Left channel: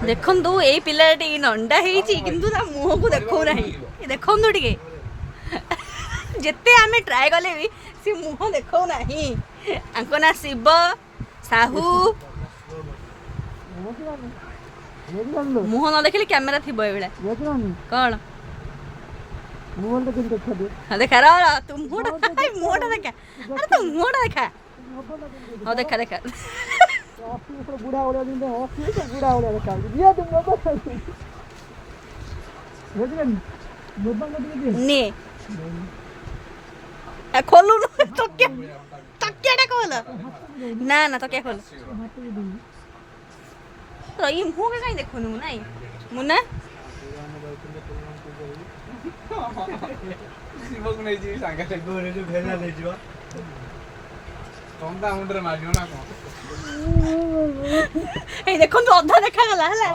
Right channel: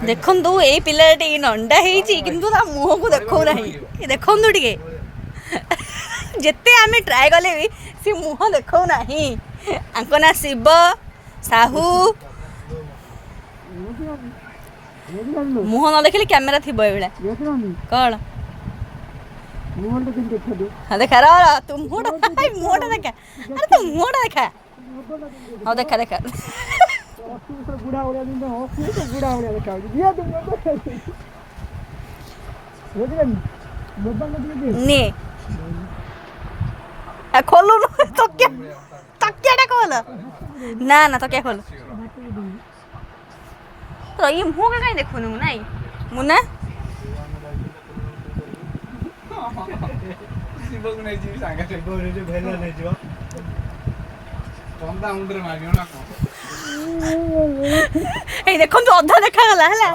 ଦେଖନ୍ତୁ ଏଇ ପିଲାଟି ନଣ୍ଡା ହେଇଛି କିନ୍ତୁ ତା ମୁହଁକୁ ଦେଖଉନାହିଁ ଦେଖନ୍ତୁ ଟିକେ ଯେତେ ଆମେ ଟ୍ରାଏ କଲେ ବି ସେ ମୁହଁ ଦେଖଉନାହିଁ ଆଙ୍କ ନା ଶିବ ସାହୁ ମୁହଁ ନ ଦେଖିଲେ କ୍ୟାମେରା ଥିବ ଏଇଭଳିଆ କଣ ଦେଖା ର ତୁ ମୁହଁଟା ଦେଖା ଆରେ ତୁ ମୁହଁଟା ଦେଖା ହଉ ଦେଖା ଦେଖା ବୁଢା ଭଳିଆ ବୁଢା ଭଳିଆ ଦେଖା ନେ ଖୋଲୁନୁ ତକିଆଟା ଖୋଲ ନା ନା ତକିଆ ଖୋଲ ଇଏ ମୁହଁ କାହିଁ ଦେଖୁନୁ ନାଇଁ ମୁନା ଏଇ ଦେଖନ୍ତୁ ଅଧା ଦେଖାଗଲା ହେଲା